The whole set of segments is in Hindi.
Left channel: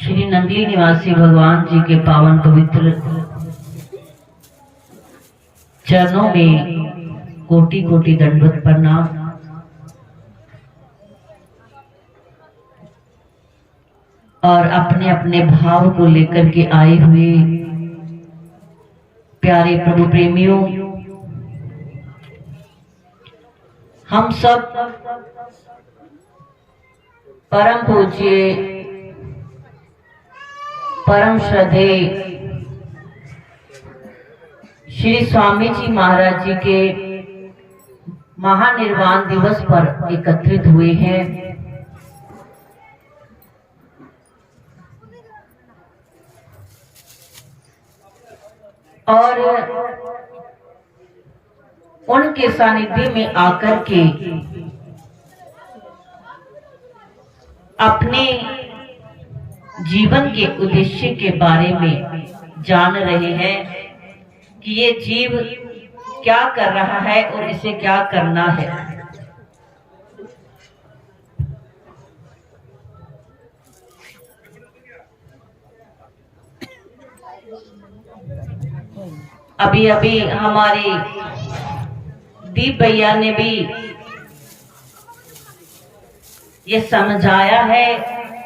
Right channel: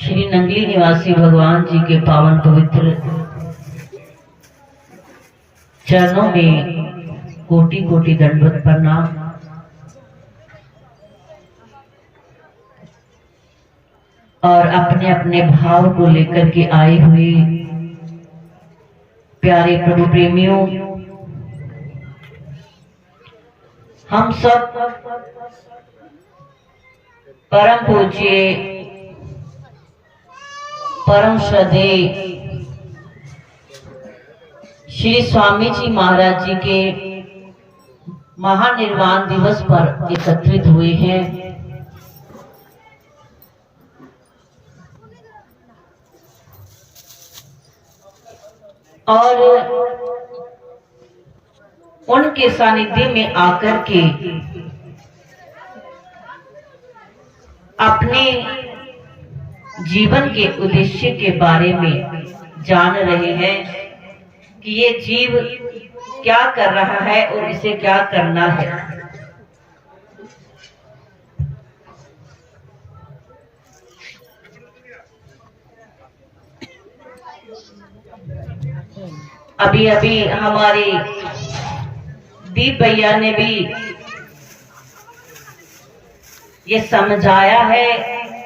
श्री नंदी निवासी भगवान जी के पावन पवित्र चरणों में कोटि कोटि दंडवत प्रणाम। और अपने अपने भाव को लेकर के आए हुए प्यारे प्रभु प्रेमियों, हम सब परम पूज्य परम श्रद्धेय श्री स्वामी जी महाराज जी के महानिर्वाण दिवस पर एकत्रित हुए हैं। और उनके सानिध्य में आकर के अपने जीवन के उद्देश्य के बारे में जान रहे हैं कि ये जीव क्या कर रहा है और इसे क्या करना है। अभी अभी हमारे दीप भैया ने भी ये समझाया है,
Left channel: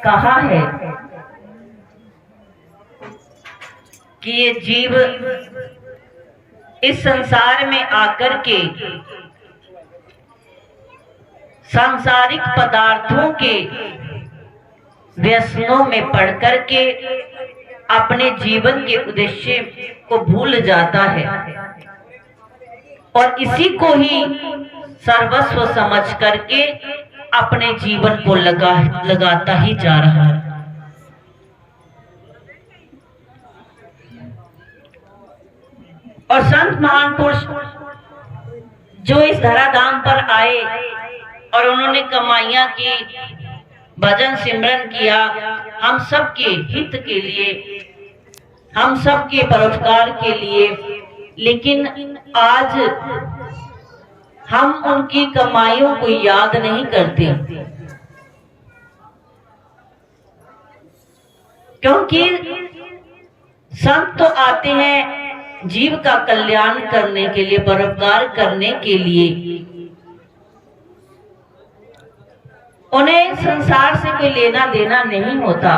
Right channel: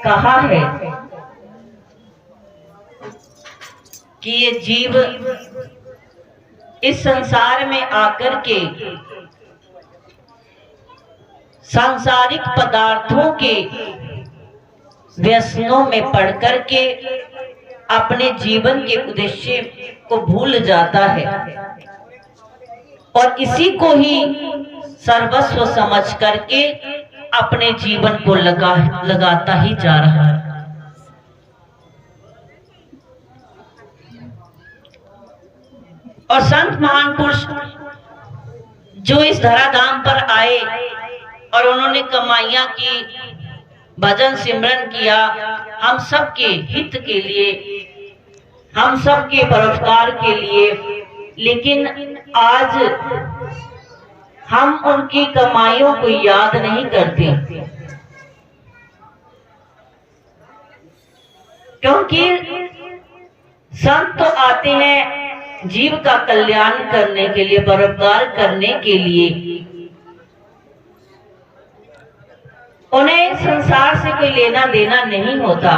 कहा है कि ये जीव इस संसार में आकर के सांसारिक पदार्थों के व्यसनों में पड़ करके अपने जीवन के उद्देश्य को भूल जाता है और इसी को ही सर्वस्व समझ करके अपने जीवन को लगाता ही जा रहा है। और संत महान पुरुष जो इस धराधाम पर आए और उन्होंने कमाइयां की, भजन सिमरन किया, हम सबके हित के लिए, हम सबके परोपकार के लिए, लेकिन आज हम उनकी कमाइयों को याद नहीं करते, क्योंकि संत तो आते हैं जीव का कल्याण करने के लिए, परोपकार करने के लिए। उन्हें संसार से कोई लेना देना नहीं होता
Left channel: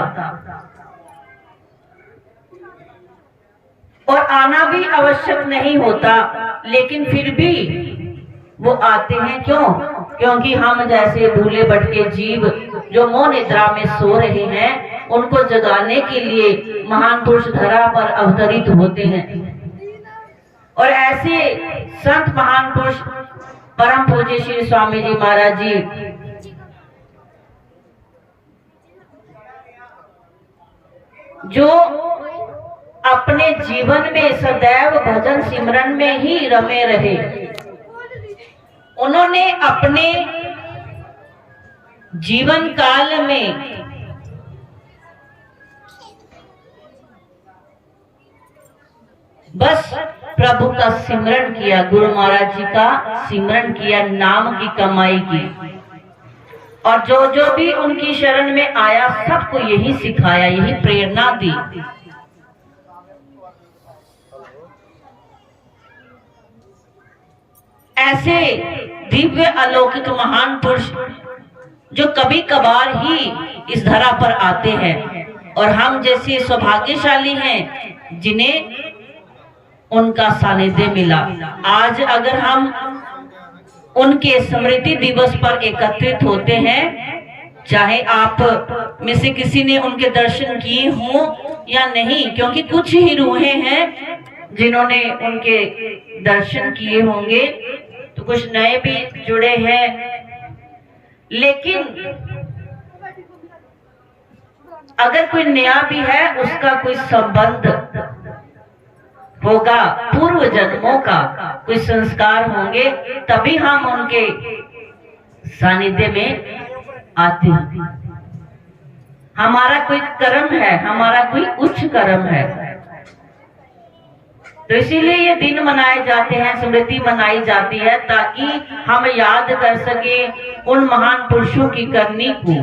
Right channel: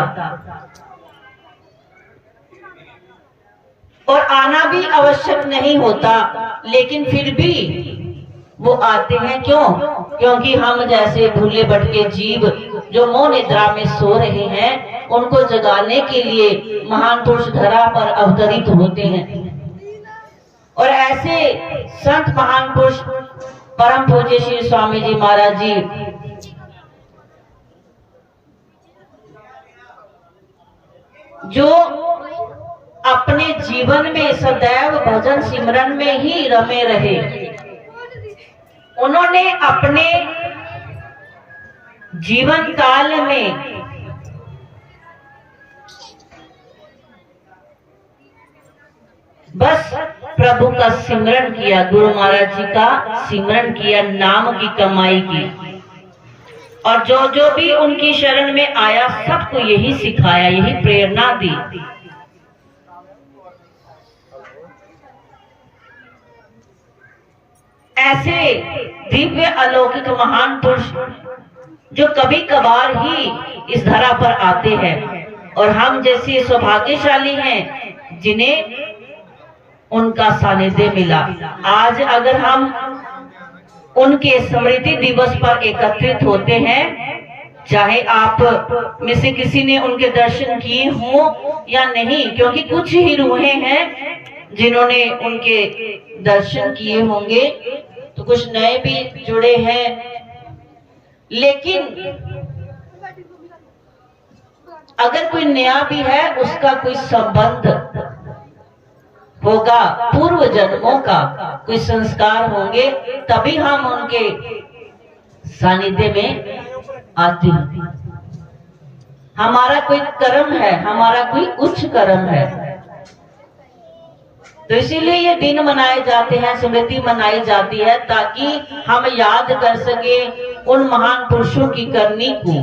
और आना भी आवश्यक नहीं होता, लेकिन फिर भी वो आते हैं। क्यों? क्योंकि हम जैसे भूले भटके जीव जो मोह निद्रा में सो रहे हैं, उनको जगाने के लिए महान पुरुष धरा पर अवतरित होते हैं। और ऐसे संत महान पुरुष परम पूज्य श्री स्वामी जी महाराज जी जो अपने जीवन में सदैव भजन सिमरन में ही रमे रहे, उन्होंने अपने जीवन काल में बस प्रभु का सिमरन किया, गुरु महाराज जी का सिमरन किया, नाम की कमाई की। और जो जो भी उनकी शरण में आया सबको यही सिखाया, यही प्रेरणा दी। ऐसे दिव्य अलौकिक महान पुरुष जो कभी कभार ही इस धरा पर आते हैं और हम जैसे सौभाग्यशाली हैं जिन्हें उनका सानिध्य मिला। आज अगर हम उनके स्मृति दिवस पर एकत्रित होते हैं, चाहे आप में से किसी ने उनके दर्शन किए हों या नहीं, क्योंकि कुछ ही रूहें हैं जिन्होंने उनके दर्शन किए होंगे, तो कुछ नए भी जुड़े हैं। लेकिन अगर कोई नया भी है, उसका कोई संबंध होगा, पूर्व जन्मों का कोई संस्कार होंगे, तभी हम उनके सानिध्य में आते हैं। हमारा कोई कर्म है, हमारा कोई उच्च कर्म है, तो इसीलिए ये दिन मनाए जाते हैं, स्मृति मनाई जाती है, ताकि हम याद कर सके उन महान पुरुषों की करनी को।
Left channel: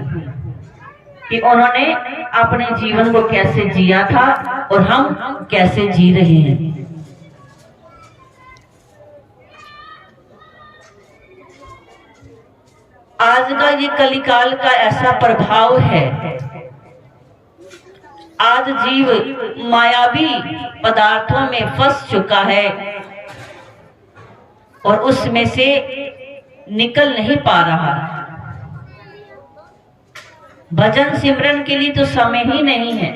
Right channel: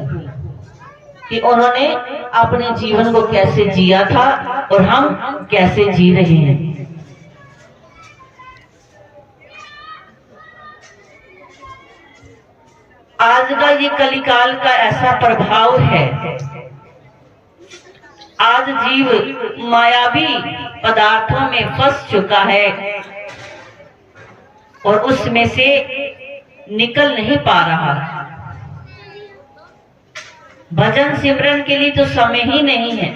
कि उन्होंने अपने जीवन को कैसे जिया था और हम कैसे जी रहे हैं। आज का ये कलिकाल का ऐसा प्रभाव है, आज जीव मायावी पदार्थों में फंस चुका है और उसमें से निकल नहीं पा रहा। भजन सिमरन के लिए तो समय ही नहीं है।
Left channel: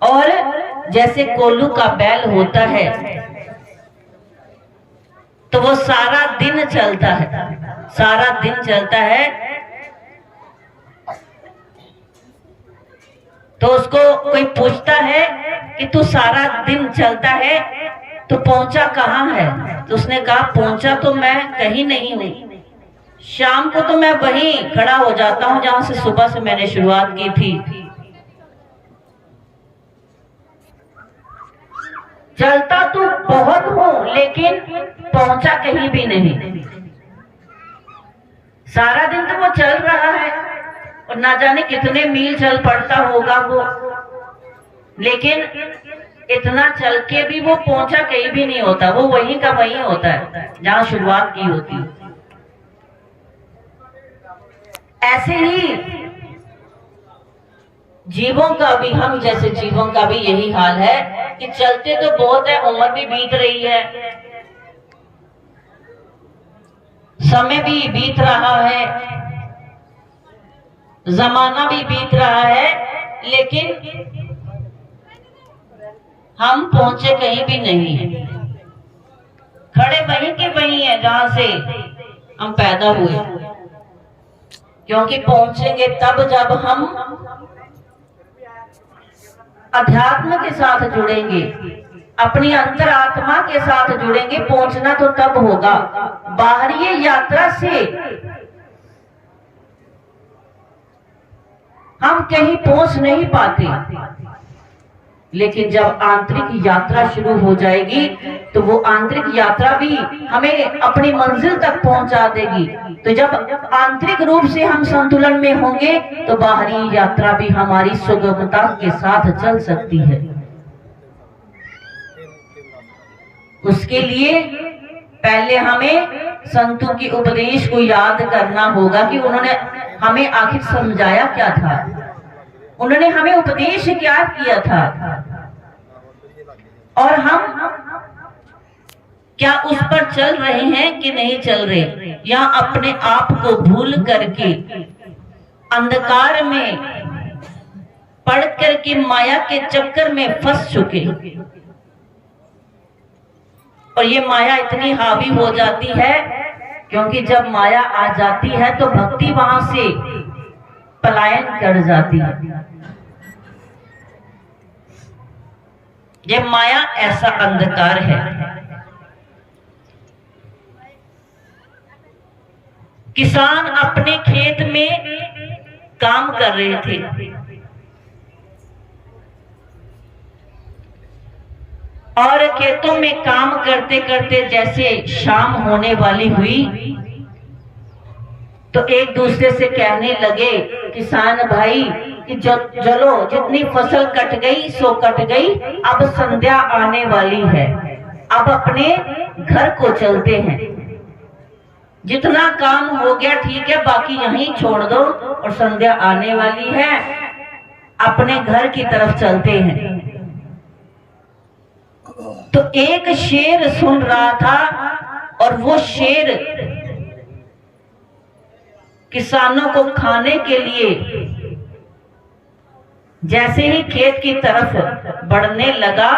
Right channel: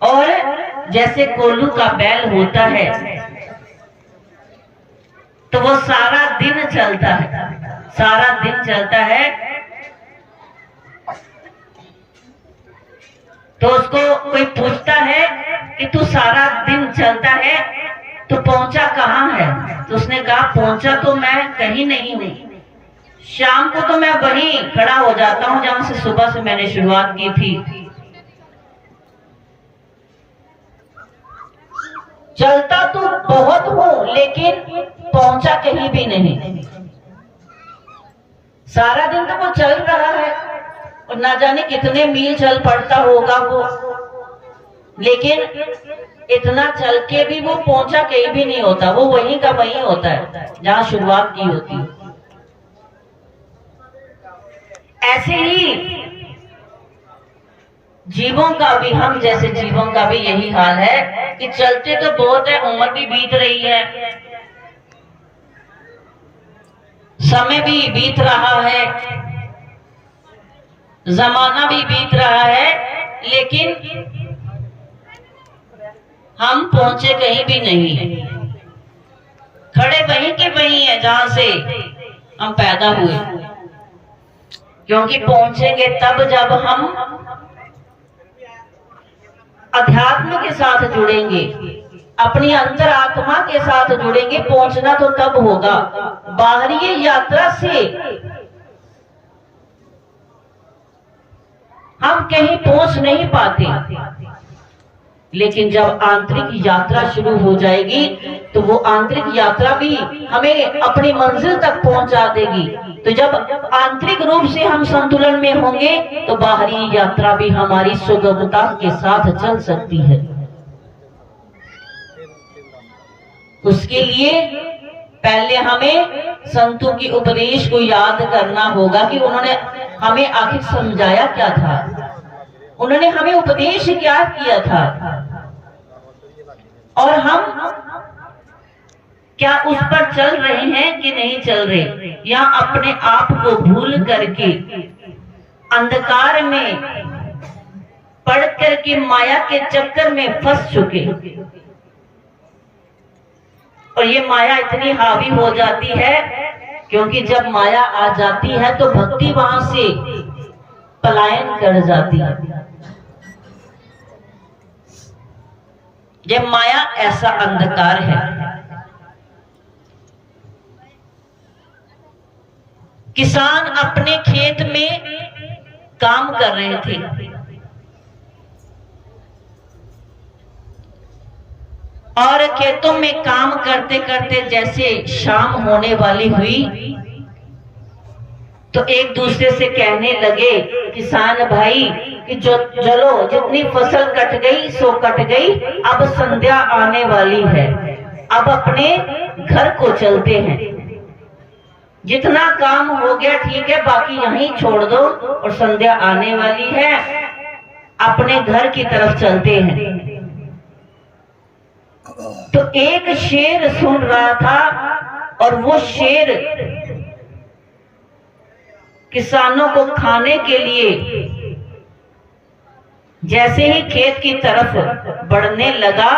और जैसे कोल्हू का बैल होता है तो वो सारा दिन चलता है, सारा दिन चलता है, तो उसको कोई पूछता है कि तू सारा दिन चलता है तो पहुंचा कहाँ है? तो उसने कहा पहुंचा तो मैं कहीं नहीं हूं, शाम को तो मैं वहीं खड़ा हो जाता हूं जहां से सुबह से मैंने शुरुआत की थी। चलता तो बहुत हूं लेकिन पहुंचा कहीं भी नहीं। सारा दिन तो वो चल रहा है और ना जाने कितने मील चल पड़ता होगा वो, लेकिन इतना चल के भी वो पहुंचा कहीं भी नहीं होता। वो वहीं का वहीं होता है जहां शुरुआत की होती है। ऐसे ही जीवों का भी, हम जैसे जीवों का भी यही हाल है कि चलते तो बहुत है, उम्र भी बीत रही है, समय भी बीत रहा है, जमाना भी बीत रहा है, लेकिन हम पहुंचे कहीं भी नहीं। खड़े वहीं के वहीं है जहां से हम पैदा हुए, क्योंकि पहुंचेंगे तब जब हम अध्यात्म के साथ जुड़ेंगे, अपनी अंतरात्मा के साथ जुड़ेंगे। पहुंचना तो तब होगा, बाहरी यात्रा से हम कहीं पहुंच नहीं पाते, लेकिन जब आंतरिक यात्रा शुरू हो जाएगी तो वो आंतरिक यात्रा भी हमें अपनी मंजिल तक पहुंचा देगी। तो जब आंतरिक रूप से हम संतुलन में होंगे तो बाहरी यात्रा भी हमारी सुगमता के साथ चल सकती है। उसके लिए पहले हमें संतों के उपदेश को याद करना होगा कि उन्होंने हमें आखिर समझाया क्या था, उन्होंने हमें उपदेश क्या किया था, और हम क्या उस पर चल रहे हैं कि नहीं चल रहे, या अपने आप को भूल करके अंधकार में पड़ करके माया के चक्कर में फंस चुके। और ये माया इतनी हावी हो जाती है क्योंकि जब माया आ जाती है तो भक्ति वहां से पलायन कर जाती है। ये माया ऐसा अंधकार है। किसान अपने खेत में काम कर रहे थे और खेतों में काम करते करते जैसे शाम होने वाली हुई तो एक दूसरे से कहने लगे, किसान भाई कि चलो जितनी फसल कट गई सो कट गई, अब संध्या आने वाली है, अब अपने घर को चलते हैं, जितना काम हो गया ठीक है, बाकी यहीं छोड़ दो और संध्या आने वाली है, अपने घर की तरफ चलते हैं। तो एक शेर सुन रहा था और वो शेर किसानों को खाने के लिए जैसे ही खेत की तरफ बढ़ने लगा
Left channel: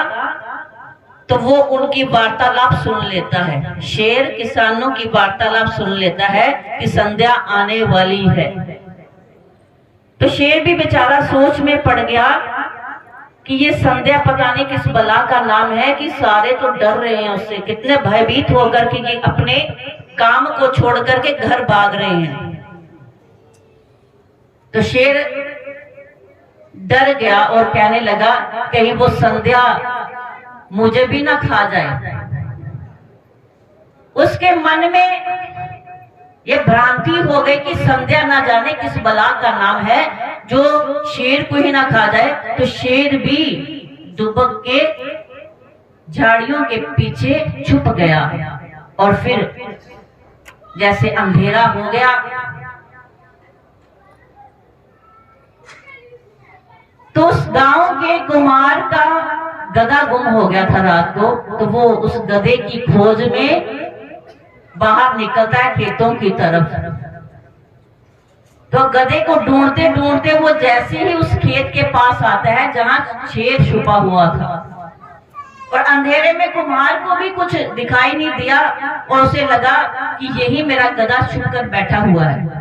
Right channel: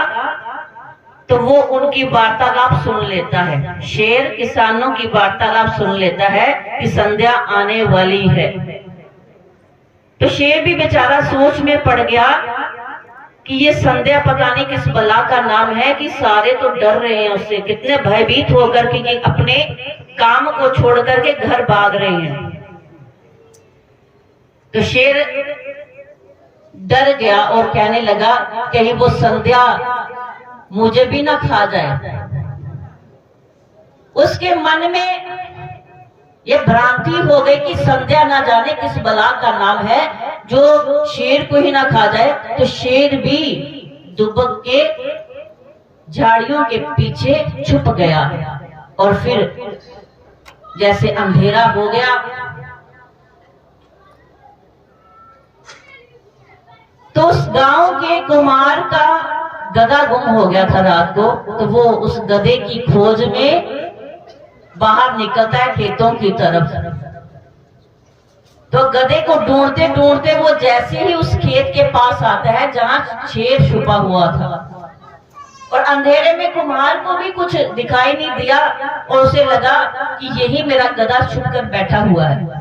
तो वो उनकी वार्तालाप सुन लेता है। शेर किसानों की वार्तालाप सुन लेता है कि संध्या आने वाली है। तो शेर भी बेचारा सोच में पड़ गया कि ये संध्या पता नहीं किस बला का नाम है कि सारे तो डर रहे हैं उससे, कितने भयभीत होकर कि ये अपने काम को छोड़ करके घर भाग रहे हैं। तो शेर डर गया और कहने लगा कहीं वो संध्या मुझे भी ना खा जाए। उसके मन में ये भ्रांति हो गई कि संध्या ना जाने किस बला का नाम है, जो शेर को ही ना खा जाए। तो शेर भी दुबक के झाड़ियों के पीछे छुप गया और फिर जैसे अंधेरा हो गया तो उस गांव के कुमार का गधा गुम हो गया था रात को। तो वो उस गधे की खोज में बाहर निकलता है खेतों की तरफ। तो गधे को ढूंढते ढूंढते वो जैसे ही उस खेत के पास आता है जहां शेर छुपा हुआ था, और अंधेरे में कुम्हार को भी कुछ दिखाई नहीं दिया और उसे लगा कि यही मेरा गधा छुपकर बैठा हुआ है।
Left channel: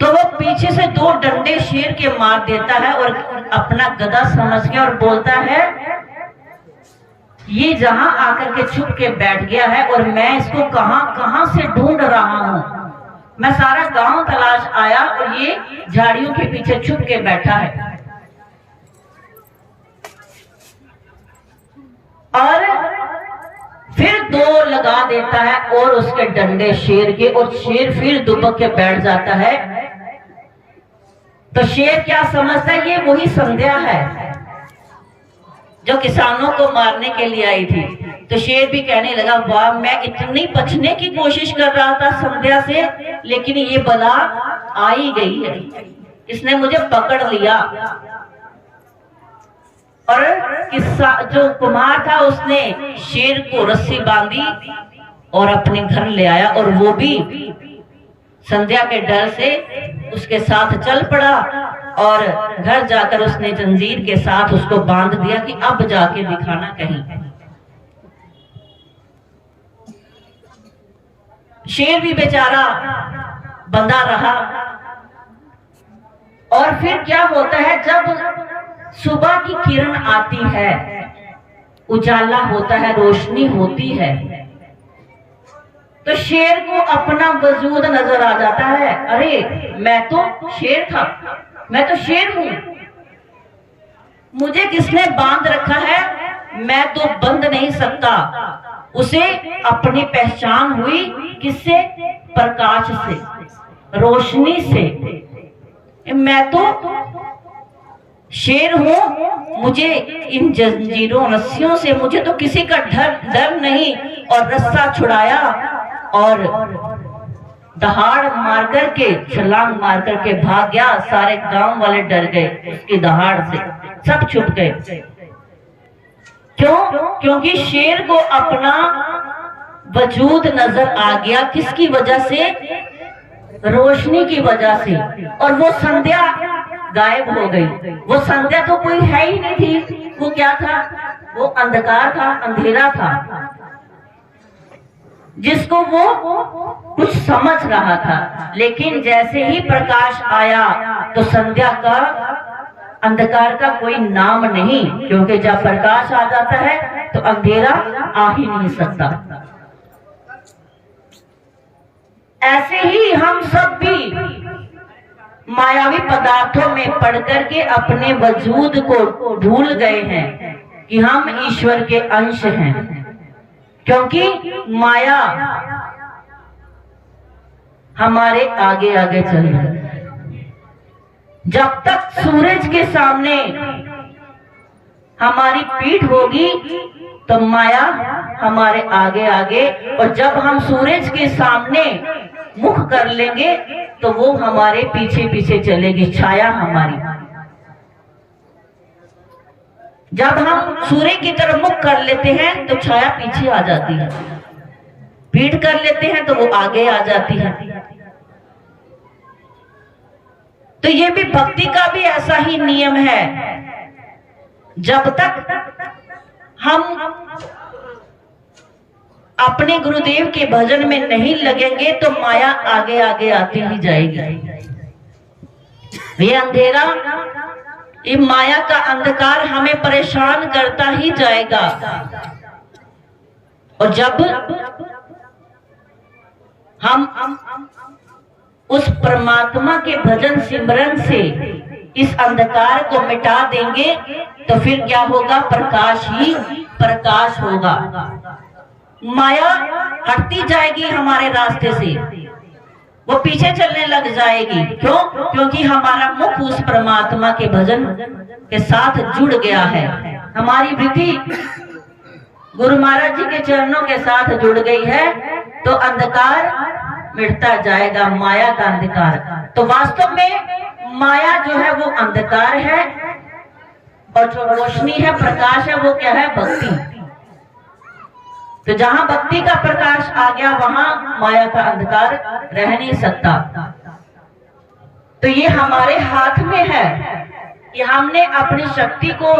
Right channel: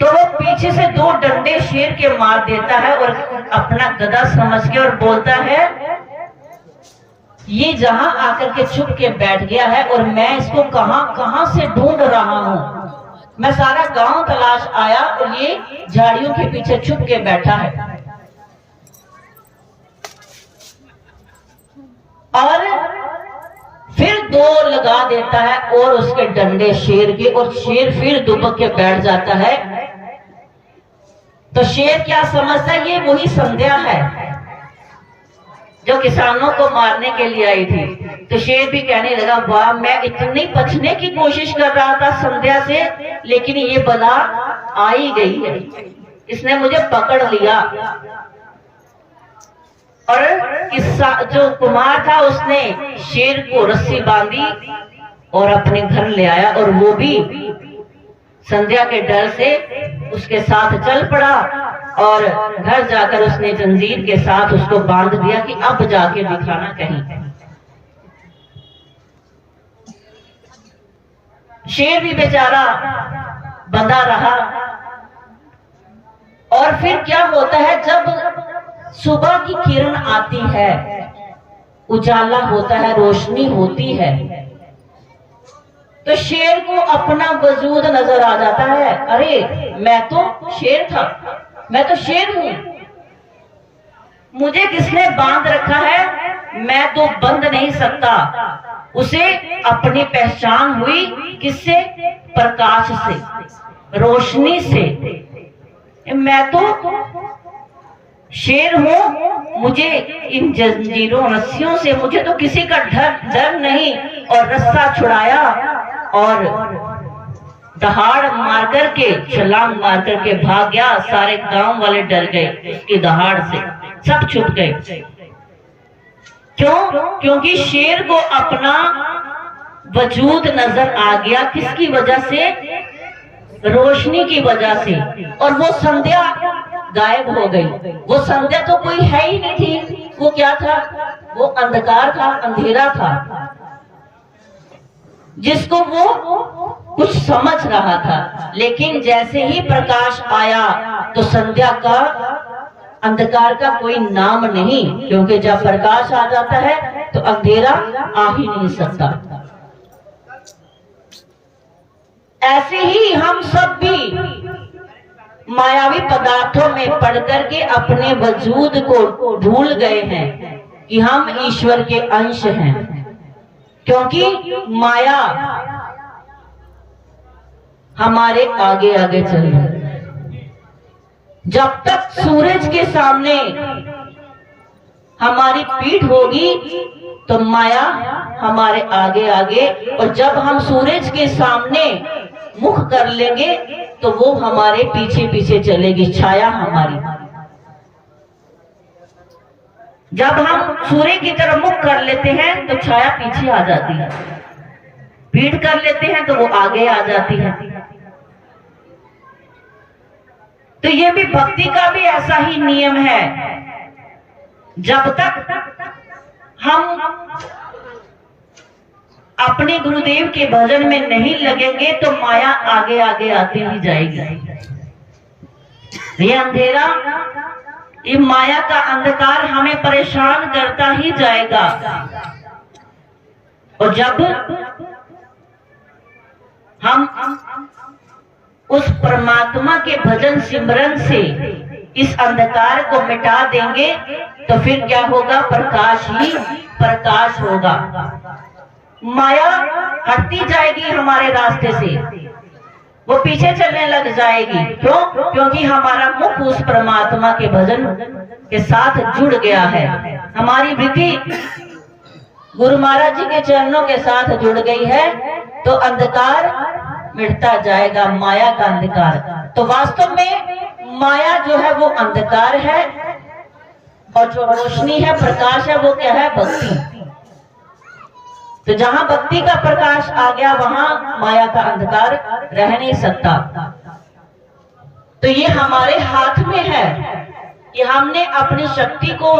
तो वो पीछे से 2 डंडे शेर के मार देता है और अपना गधा समझ के और बोलता है, ये जहां आकर के छुप के बैठ गया है और मैं इसको कहां कहां से ढूंढ रहा हूं। मैं सारा गांव तलाश आया और ये झाड़ियों के पीछे छुप के बैठा है। और फिर 2 लगा देता है और उसके डंडे शेर के, और शेर फिर दुबक के बैठ जाता है। तो शेर क्या समझता है, ये वही संध्या है जो किसानों को मारने के लिए आई थी। तो शेर भी कहने लगा, वाह, मैं इतनी बचने की कोशिश कर रहा था संध्या से, लेकिन ये बला आ ही गई है, इसने मुझे पकड़ लिया। और किस्सा जो कुमार था उसने शेर को रस्सी बांधी और अपने घर ले आया, और वो भी संध्या के डर से उसके साथ चल पड़ा। और घर जाकर उसने जंजीर के साथ उसको बांध दिया कि अब जाके दिखाना कहीं। शेर भी बेचारा बंधा रहा। और फिर क्या होता है, जब सुबह की किरण आती है, उजाला होता है, रोशनी होती है, तो शेर को अपना वजूद नजर आ जाता है। अरे, मैं तो शेर था, मैं तो शेर हूं, मुझे किसने बांध रखा है, मैं तो बंध नहीं सकता। उसे अपनी पहचान हुई किससे, प्रकाश से, रोशनी से। मैं तो शेर हूं, मुझे इन जंजीरों रस्सियों से मुझे तो किसी का डर नहीं। और रस्सा छुड़ाया और दहाड़ मार करके, छलांग मार करके भाग गया। सारे गांव वाले डर गए उसकी दहाड़ से, सब छुप गए। क्यों? क्योंकि शेर को अपना वजूद नजर आ गया। किसकी वजह से? रोशनी की वजह से। और वो संध्या गायब हो गई। वो संध्या तो कोई है ही नहीं थी। वो क्या था? वो अंधकार था, अंधेरा था, जिसको वो कुछ समझ रहा था। लेकिन जैसे ही प्रकाश आया तो संध्या का, अंधकार का कोई नाम नहीं, क्योंकि जब प्रकाश आ जाता है तो अंधेरा आ ही नहीं सकता। ऐसे ही हम सब भी मायावी पदार्थों में पढ़ करके अपने वजूद को भूल गए हैं कि हम ईश्वर के अंश हैं, क्योंकि माया हमारे आगे आगे चल रही है। जब तक सूरज के सामने हमारी पीठ होगी तो माया हमारे आगे आगे, और जब हम सूरज के सामने मुख कर लेंगे तो वो हमारे पीछे पीछे चलेगी, छाया हमारी। जब हम सूर्य की तरफ मुख कर लेते हैं तो छाया पीछे आ जाती है, पीठ कर लेते हैं तो वो आगे आ जाती है। तो ये भी भक्ति का भी ऐसा ही नियम है। जब तक हम अपने गुरुदेव के भजन में नहीं लगेंगे तो माया आगे आगे आती ही जाएगी। ये अंधेरा, ये माया का अंधकार हमें परेशान करता ही जाएगा। और जब हम उस परमात्मा के भजन सिमरन से इस अंधकार को मिटा देंगे तो फिर क्या होगा? प्रकाश ही प्रकाश होगा। माया हटती जाएगी हमारे रास्ते से, वो पीछे चलने लग जाएगी। क्यों? क्योंकि हमारा मुख उस परमात्मा के भजन के साथ जुड़ गया है, हमारी वृत्ति गुरु महाराज जी के चरणों के साथ जुड़ गई है, तो अंधकार मिटता जाएगा, माया का अंधकार। तो वास्तव में माया जो है वो अंधकार है, और जो रोशनी है, प्रकाश है, वो क्या है? भक्ति। तो जहां भक्ति का प्रकाश आ गया, वहां माया का अंधकार रह नहीं सकता। तो ये हमारे हाथ में है कि हमने अपनी शक्ति को,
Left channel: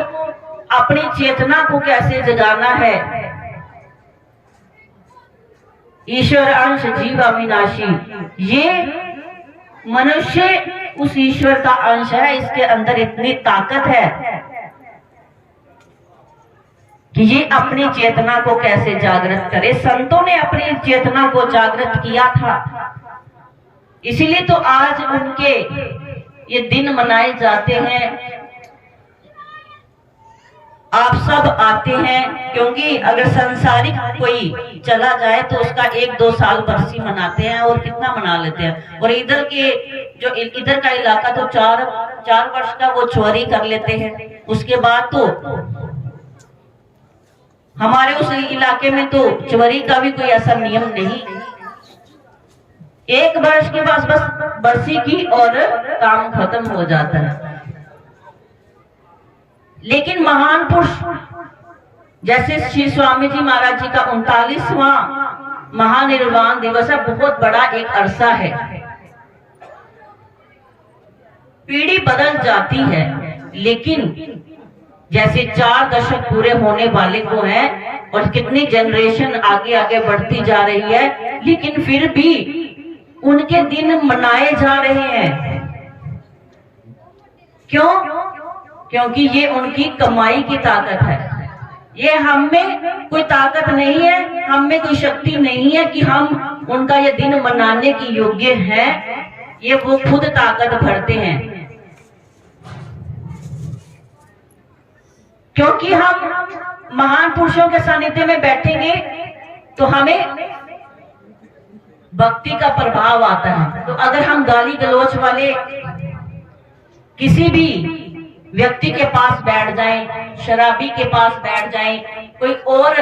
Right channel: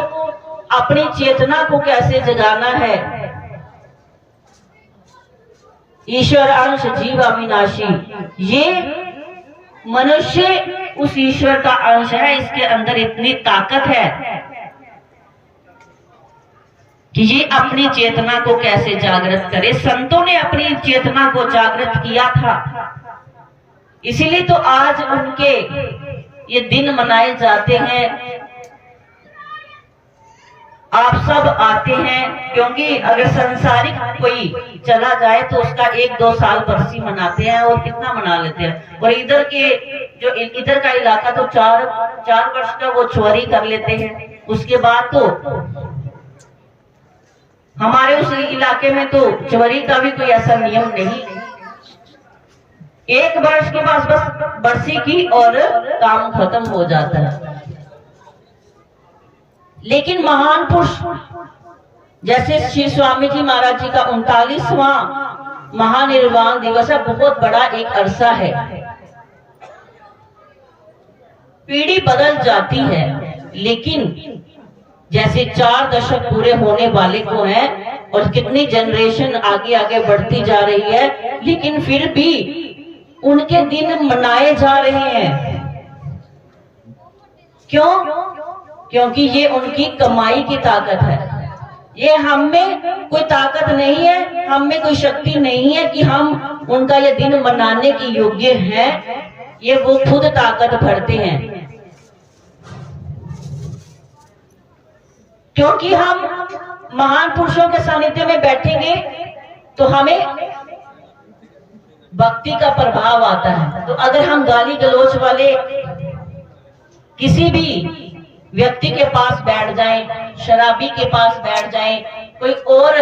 अपनी चेतना को कैसे जगाना है। ईश्वर अंश जीव अविनाशी, ये मनुष्य उस ईश्वर का अंश है, इसके अंदर इतनी ताकत है कि ये अपनी चेतना को कैसे जागृत करे। संतों ने अपनी चेतना को जागृत किया था, इसीलिए तो आज उनके ये दिन मनाए जाते हैं। आप सब आते हैं, क्योंकि अगर संसारिक कोई चला जाए तो उसका 1-2 साल बरसी मनाते हैं, और कितना मना लेते हैं। और इधर के जो इधर का इलाका तो 4 वर्ष का वो चोरी कर लेते हैं। उसके बाद तो हमारे उस इलाके में तो चोरी का भी कोई ऐसा नियम नहीं, 1 वर्ष के बाद बस बरसी की और काम खत्म हो जाता है। लेकिन महान पुरुष जैसे श्री स्वामी जी महाराज जी का 39वां महानिर्वाण दिवस है, बहुत बड़ा एक अरसा है। पीढ़ी बदल जाती है, लेकिन जैसे 4 दशक पूरे होने वाले को हैं, और कितनी जनरेशन आगे आगे बढ़ती जा रही है, लेकिन फिर भी उनके दिन मनाए जा रहे हैं। क्यों? क्योंकि ये उनकी कमाई की ताकत है। ये हम में कोई ताकत नहीं है, हम में कोई शक्ति नहीं है कि हम उनका ये दिन मनाने के योग्य हैं। ये वो खुद ताकत भरते हैं। क्योंकि हम महान पुरुषों के सानिध्य में बैठेंगे तो हमें भक्ति का प्रभाव आता है। तो अगर हम गाली गलौच वाले किसी भी व्यक्ति के पास बैठ जाएं, शराबी के पास बैठ जाएं, कोई और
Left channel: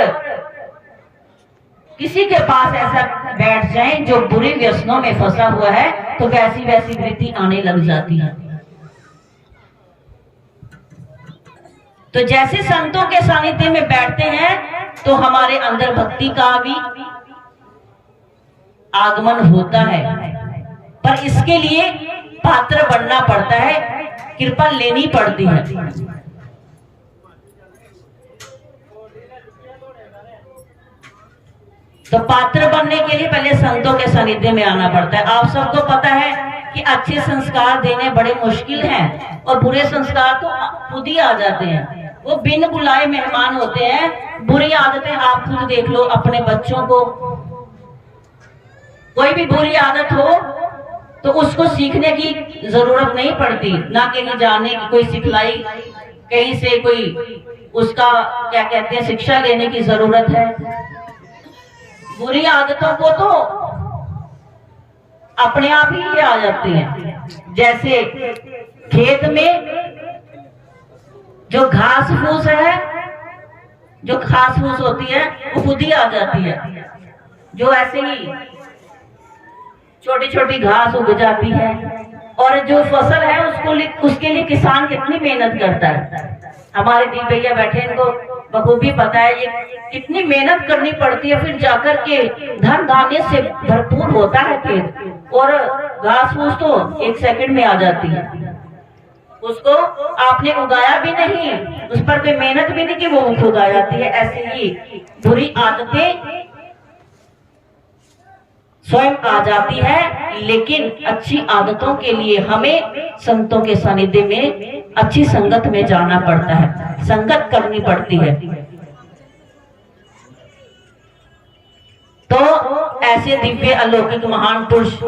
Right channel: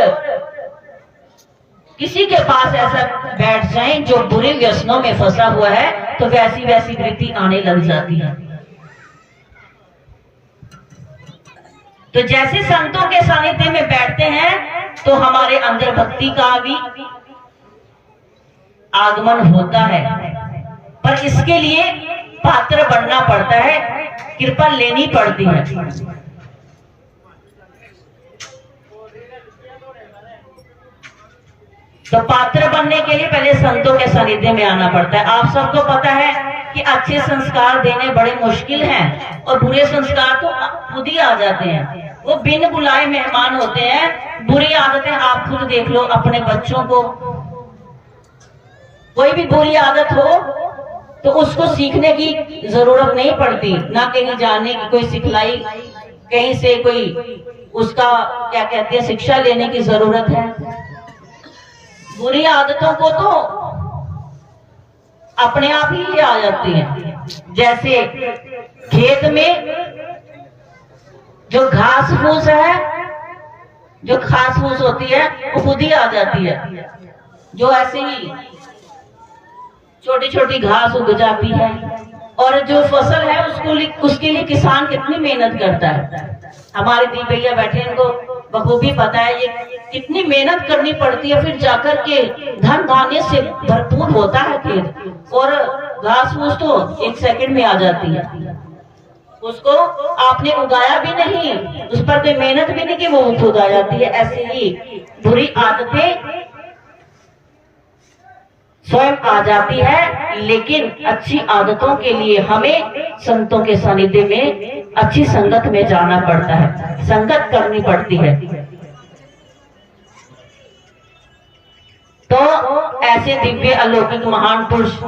किसी के पास ऐसा बैठ जाएं जो बुरे व्यसनों में फंसा हुआ है, तो वैसी वैसी वृत्ति आने लग जाती है। तो जैसे संतों के सानिध्य में बैठते हैं तो हमारे अंदर भक्ति का भी आगमन होता है, पर इसके लिए पात्र बनना पड़ता है, कृपा लेनी पड़ती है। तो पात्र बनने के लिए पहले संतों के सानिध्य में आना पड़ता है। आप सबको पता है कि अच्छे संस्कार देने बड़े मुश्किल हैं, और बुरे संस्कार तो खुद ही आ जाते हैं। वो बिन बुलाए मेहमान होते हैं। बुरी आदतें आप खुद देख लो अपने बच्चों को, कोई भी बुरी आदत हो तो उसको सीखने की जरूरत नहीं पड़ती, ना कहीं जाने की कोई सिखलाई, कहीं से कोई उसका क्या कहते हैं शिक्षा लेने की जरूरत है। बुरी आदतों को तो अपने आप ही आ जाती हैं। जैसे खेत में जो घास फूस है, जो घास फूस होती है वो खुद ही आ जाती है। जो ऐसे ही छोटी छोटी घास उग जाती है, और जो फसल है उसके लिए किसान कितनी मेहनत करता है। हमारे दी भैया बैठे, इनको बखूबी पता है ये कितनी मेहनत करनी पड़ती है, फिर जाकर के धन धान्य से भरपूर होता है खेत, और घास फूस तो 1 सेकंड में आ जाती है। उसको आपने उगाया भी नहीं, उस पर कोई मेहनत भी नहीं कि वो खुद आ जाती है। ऐसे ही बुरी आदतें स्वयं आ जाती है, लेकिन अच्छी आदतों के लिए हमें संतों के सानिध्य में अच्छी संगत में जाना पड़ता है, संगत करनी पड़ती है। तो ऐसे दिव्य अलौकिक महान पुरुष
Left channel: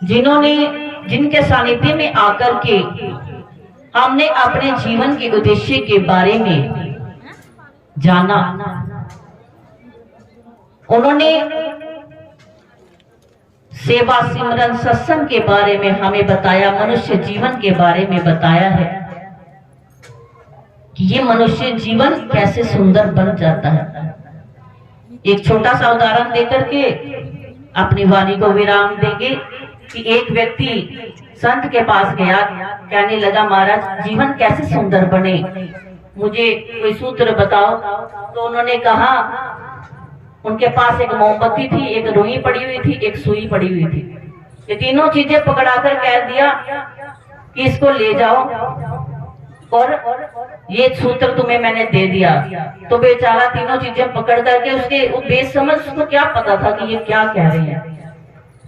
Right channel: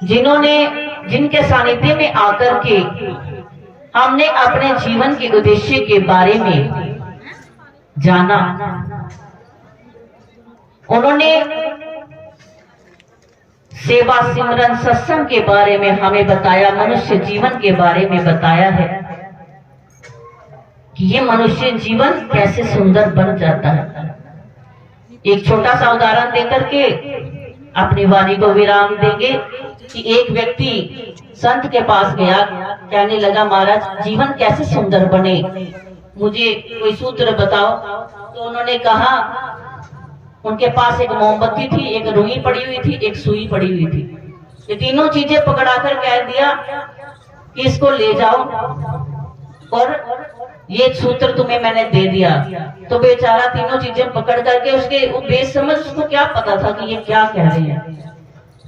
जिनके सानिध्य में आकर के हमने अपने जीवन के उद्देश्य के बारे में जाना। उन्होंने सेवा सिमरन सत्संग के बारे में हमें बताया, मनुष्य जीवन के बारे में बताया है कि ये मनुष्य जीवन कैसे सुंदर बन जाता है। एक छोटा सा उदाहरण देकर के अपनी वाणी को विराम देंगे कि एक व्यक्ति संत के पास गया, कहने लगा महाराज जीवन कैसे सुंदर बने, मुझे कोई सूत्र बताओ। तो उन्होंने कहा, उनके पास एक मोमबत्ती थी, एक रुई पड़ी हुई थी, एक सुई पड़ी हुई थी। ये तीनों चीजें पकड़ाकर कह दिया कि इसको ले जाओ और ये सूत्र तुम्हें मैंने दे दिया। तो बेचारा तीनों चीजें पकड़ करके उसके बेसमझ, उसको क्या पता था कि ये क्या कह रही है।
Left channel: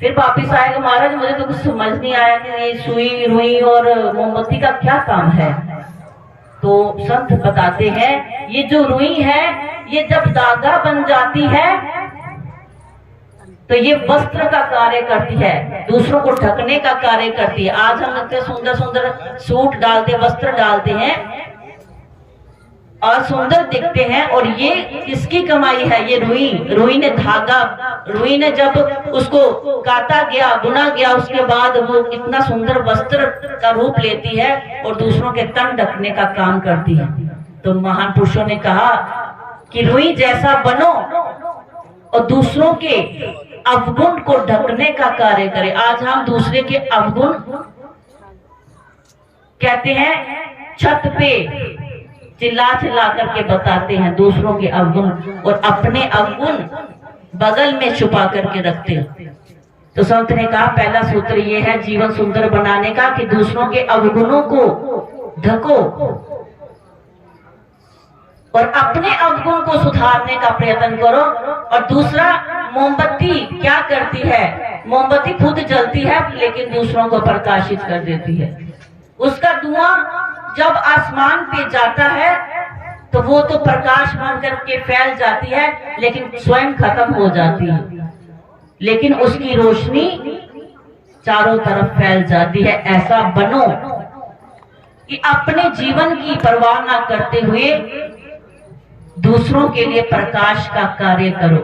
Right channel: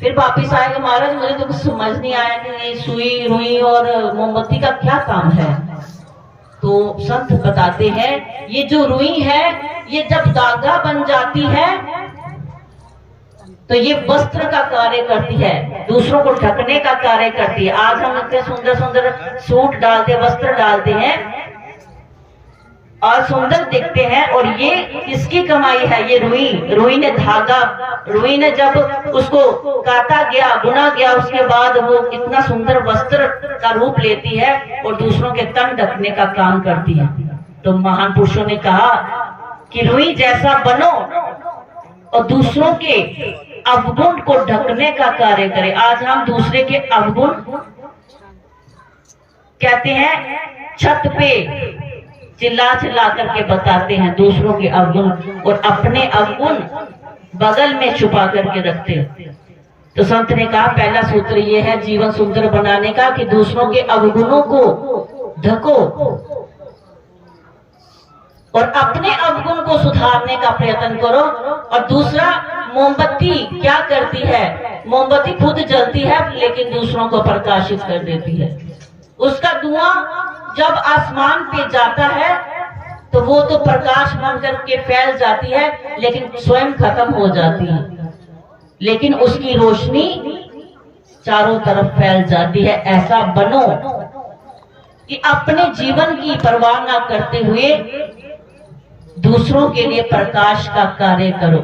फिर वापिस आएगा, महाराज मुझे तो कुछ समझ नहीं आया कि ये सुई रुई और मोमबत्ती का क्या काम है। तो संत बताते हैं ये जो रुई है ये जब धागा बन जाती है तो ये वस्त्र का कार्य करती है, दूसरों को ढकने का कार्य करती है। आज हम इतने सुंदर सुंदर सूट डालते, वस्त्र डालते हैं और सुंदर दिखते हैं, और ये किसकी कमाई है? ये रुई ने धागा, रुई ने जब उसको काटा गया, बुना गया, उसके बाद वो इतना सुंदर वस्त्र का रूप लेती है और दूसरों के तन ढकने का काम करती है। तो महान पुरुषों ने कहा कि रुई जैसा बनो और दूसरों के अवगुण को ढकने का कार्य करे। आज हम दूसरे के अवगुण कहते हैं, छत पे चिल्ला चिल्ला करके बताते हैं दूसरों के अवगुण, और अपने अवगुण बगल में छुपा करके रखते हैं। तो संत ने कहा पहला सूत्र ये है जीवन सुंदर बनाने का कि दूसरों के अवगुणों को ढको और अपने अवगुण को सुधारने का प्रयत्न करो। और दूसरा, मोमबत्ती क्या करती है? मोमबत्ती खुद जलती है लेकिन दूसरों को प्रकाशित कर देती है। उसका धुआं जब आसमान पे जाता है तो वो तो प्रकाश बन करके फैल जाती है लेकिन स्वयं खत्म हो जाती है, लेकिन उसकी रोशनी चारों तरफ फैल जाती है। ऐसा बनो कि अपने जीवन की परवाह न करते हुए दूसरों के लिए प्रकाश का कार्य करो।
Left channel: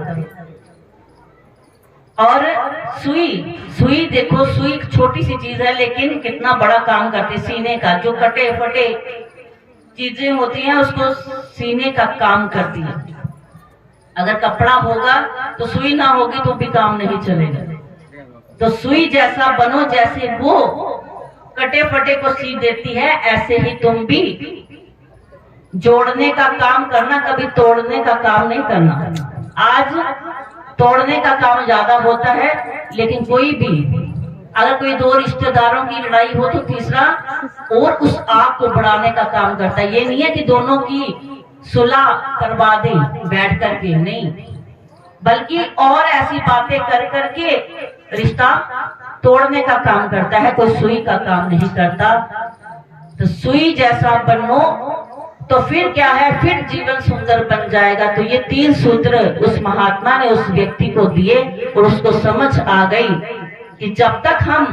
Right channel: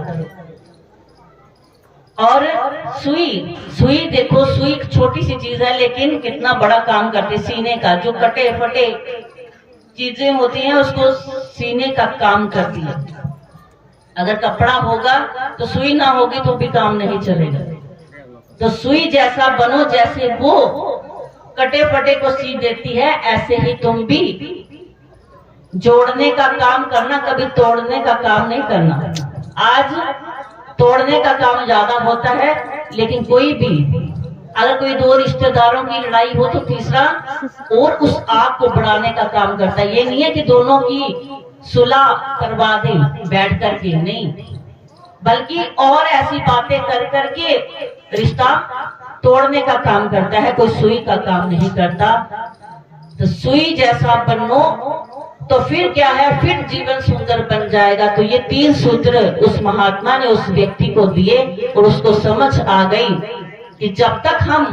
और सुई देखो, सुई छोटी सी चीज है लेकिन कितना बड़ा काम करती है। सीने का जो कटे फटे चीजें होती हैं उसको सीने का काम करती है। अगर कपड़ा होगा तो सुई ना होगी तो भी काम नहीं चलेगा। तो सुई जैसा बनो, जैसे वो कटे फटे को सी देती है ऐसे ही तुम भी जोड़ने का काम करना, कभी तोड़ने का काम नहीं करना। आज तोड़ने का काम ज्यादा होता है, लेकिन कोई भी अगर कोई दो रिश्तेदारों की लड़ाई हो तो तीसरा और उस आग को बढ़ाने का काम करता है। ये नहीं है कि दोनों की सुलह करवा दे बैठ करके, नहीं, बल्कि और ऐसी बातें कर करके रिश्ता तोड़ने का काम करता है, कोई सुई का काम नहीं करता। तो सुई जैसा बनो तो फिर क्या है, फिर जीवन सुंदर बन जाएगा। तो ये 3 सूत्र उस महात्मा ने उस व्यक्ति को दिए और उसको समझ आ गई कि जब तक हम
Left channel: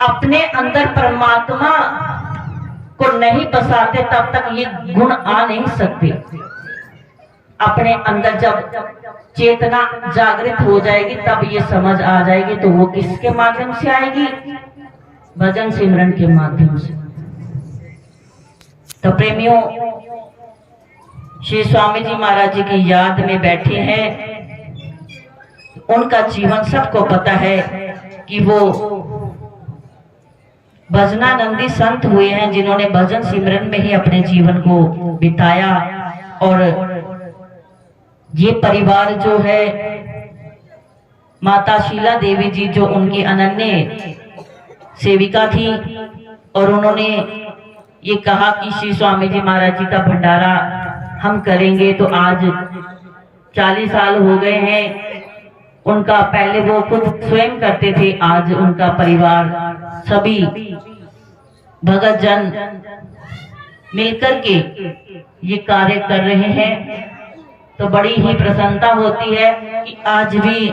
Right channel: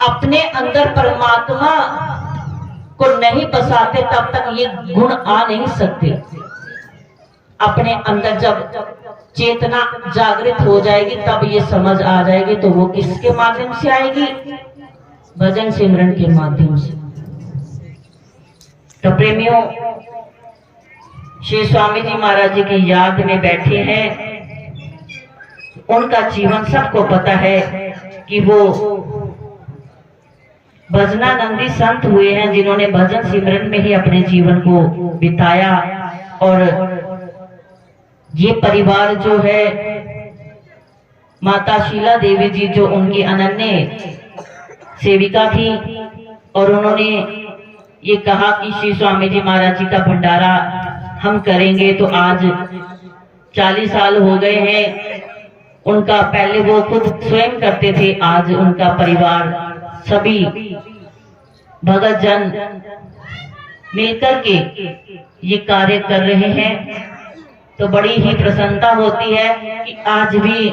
अपने अंदर परमात्मा को नहीं बसाते तब तक ये गुण आ नहीं सकते। अपने अंदर जब चेतना जागृत हो जाएगी तब ये समझ आ जाएगी। तो वो किसके माध्यम से आएगी? भजन सिमरन के माध्यम से। तो प्रेमियों, श्री स्वामी जी महाराज जी की याद में बैठे हैं। उनका जीवन सबको पता है कि वो भजनानंदी संत हुए हैं जिन्होंने भजन सिमरन में ही अपने जीवन को बिताया। और ये परिवार जो है, माता शीला देवी जी जो उनकी अनन्य सेविका थी, और उन्होंने ये कहा कि श्री स्वामी जी महाराज जी का भंडारा हम करेंगे। तो आज 40 साल हो गए हैं उनका। पहले वो खुद स्वयं करते थे, आज उनका परिवार सभी भगत जन मिलकर के ये कार्य कर रहे हैं। तो बड़ी ही प्रसन्नता होती है कि आज भी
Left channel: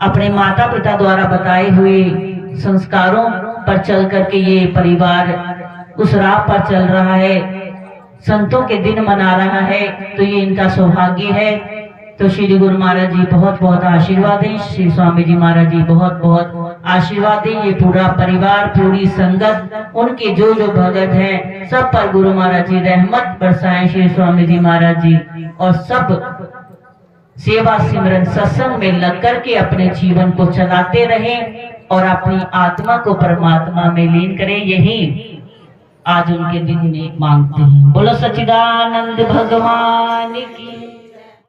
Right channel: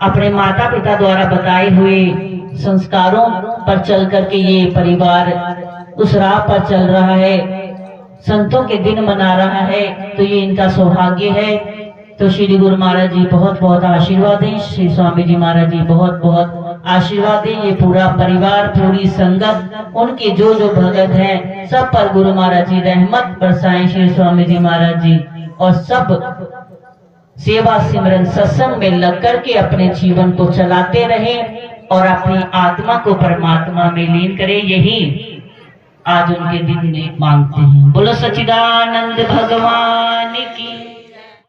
अपने माता पिता द्वारा बताए हुए संस्कारों पर चल करके ये परिवार उस राह पर चल रहा है। संतों के दिन मना रहा है, तो ये इनका सौभाग्य है। तो श्री गुरु महाराज जी बहुत बहुत आशीर्वाद दें, श्री स्वामी जी महाराज जी बहुत बहुत आशीर्वाद दें। ये पूरा परिवार, पूरी संगत, उनके जो जो भगत हैं, सब पर गुरु महाराज जी रहमत बरसाएं, श्री स्वामी जी महाराज जी, और सब सेवा सिमरन सत्संग में लग करके अपने जीवन को चलाते रहें और अपनी आत्मा को परमात्मा में लीन करें। यही आज उनके दिन में मांगते हैं। बोलो सच्चिदानंद भगवान की।